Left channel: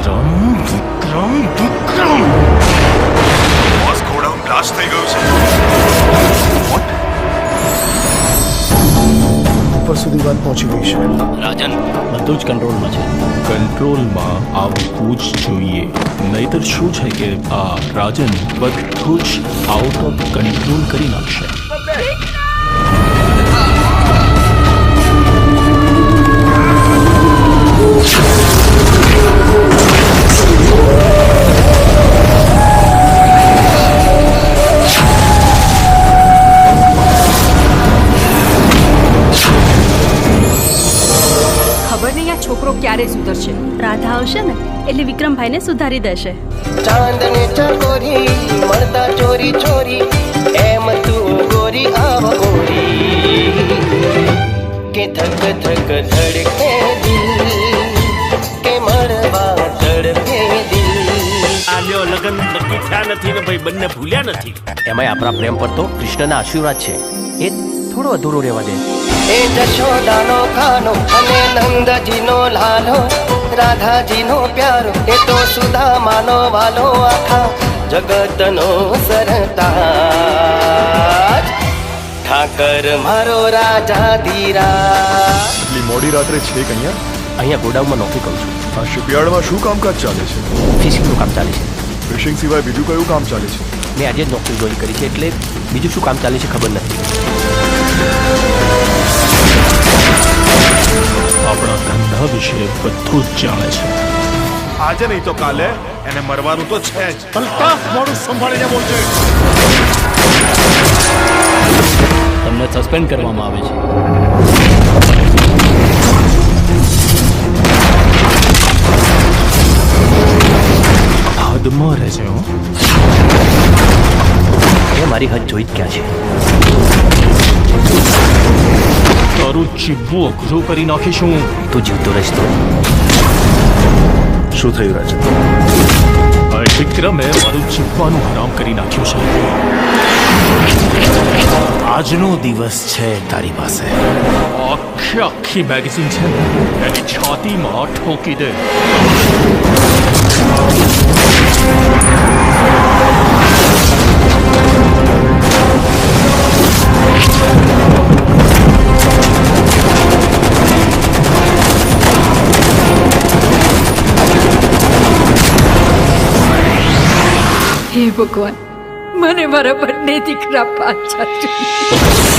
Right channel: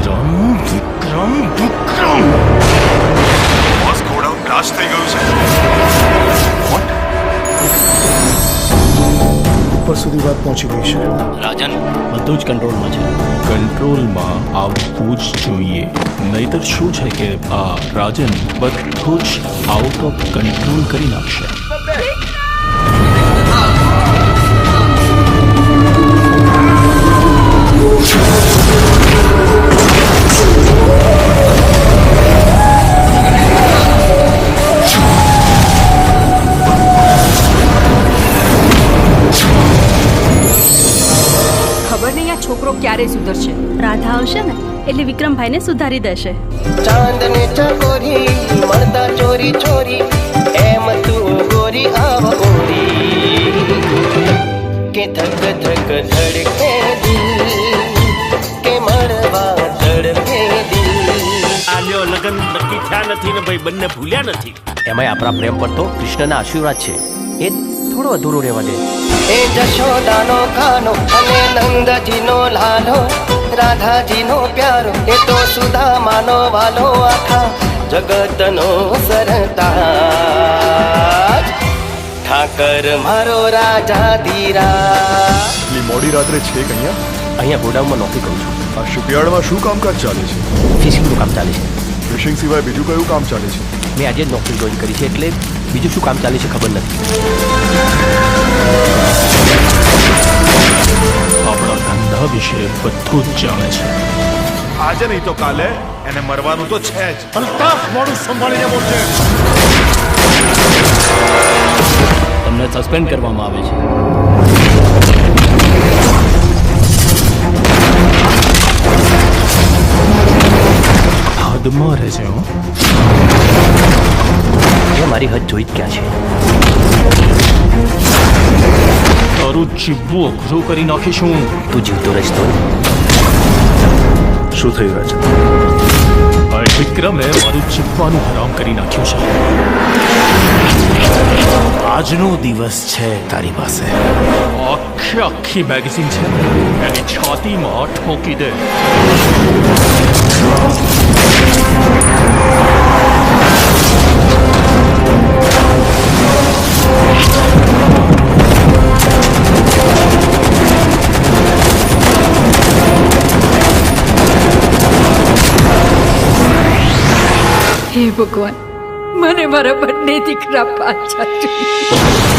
વિક્રમ વિક્રમ વિક્રમ boss godown blast થઈ ગયું છે. વોટ? ઉપર સુધી વાત પહોંચી ગઈ છે. રાજન બધું જ કંટ્રોલમાં છે. કંટ્રોલમાં આવવું જ જોઈએ, નહીતર શું છે કે આ રાજન બધું જ આઉટ ઓફ કંટ્રોલ કરી નાખશે. ખબર નહીં આ છોકરો ક્યારે સુધરશે. રાધા આવશે ને એટલે વિક્રમભાઈને સુધારી દેશે. ચાંદને ચકોરી મળતા ચોરી ચોરી એમ તું ગોરી આવ ગોરી કે ધક ધક ધડકે દિલ કે મળવા તડપે દિલ. આલ્યો લગન નક્કી થયા નથી ને ભાઈ બંને ભૂલ્યા નથી. એમાંય આપણા પ્રેમ પર તો કૃષ્ણના આશીર્વાદ છે, એ થોડો અધૂરો રહેવા દે. એ જશોદાનો ખાનો અને નંદજીનો લાલો, રાધાજીનો પ્યારો એ તો સુદામાનો વાલો, આખા જગતનો સરતાજ ઠાકર મારો રાજા ધીરા. એટલી મોડી રાત્રે છે કે અહીંયા ગોડાઉનમાં નોકરી કરું છું. આ શિપયાર્ડમાં શું કામકાજ ચાલે છે? ફિશિંગનું કામ ચાલે છે. ફિશિંગ સિવાય બીજું કયું કામ ચાલે છે? મેં આજે જ નોકરી જોઈન કરી છે એટલે બીજું શું કામ ચાલે છે ખબર નથી. આપણા ધંધા વિશે બધું જ જાણે છે. આજે નહીં તો કાલે એને મરવાનું તો છે જ. અલ્તાફ, મોડું સંભાળીને બોલજે. તમને સસ્પેન્ડ કરવામાં આવે છે. હદમાં રહેજે હો. એ મારી હદ જોઈ જ ક્યાં છે. તારું જીવવું અઘરું કરી નાખીશું. તું જીવતો રહીશ તો. શું થયું રાજન? આ વિક્રમે મારું જીવવાનું હરામ કરી નાખ્યું છે. આજનો દિવસ છે તારી પાસે. આખી મેગેઝિન છે ને એની છાતીમાં ઠોકી દે. હે ભગવાન, મને મારા બંને દીકરા પાછા જોઈએ.